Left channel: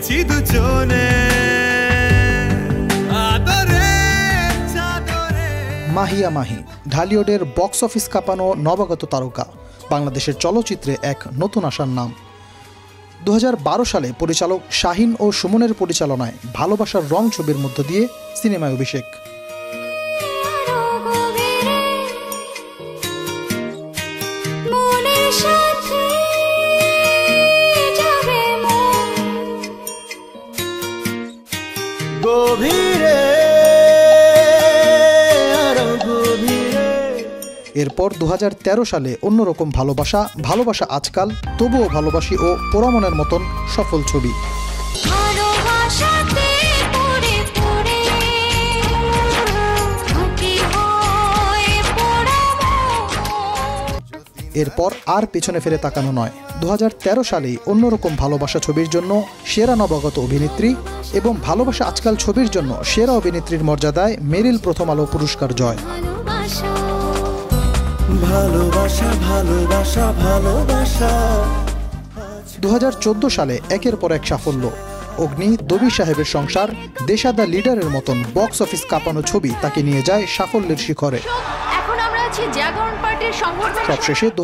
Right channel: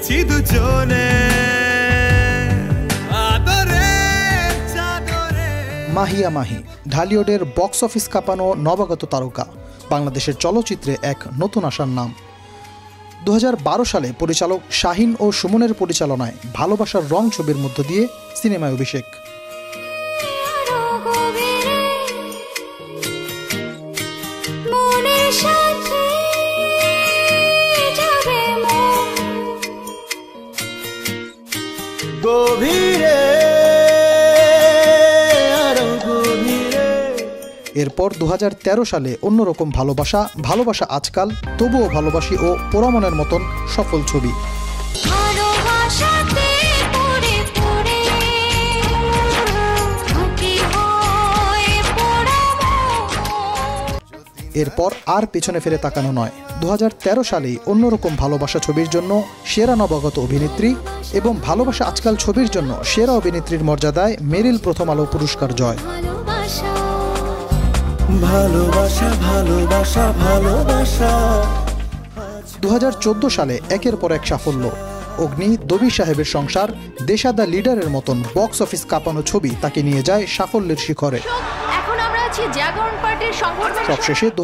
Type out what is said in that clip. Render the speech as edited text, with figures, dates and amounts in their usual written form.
হয়েছি দুজনে আদরে চাদরে নেব তো মনের সাথে যাবে মন গভীরে আরো গভীরে ভালোবাসাতে পড়ে পড়ে থাকি হয় পোড়া মন। যদি না দেখি তোমায় জানে মান লাগে কলিজাতে ভালোবাসা ভালোবাসা ভালোবাসা আজকাল ভালোবাসা ভালোবাসা ভালোবাসা ভালোবাসা আজকাল ভালোবাসা এখন আমরা আছি জাগরণ পার্টির সংবর্ধনা সভায়।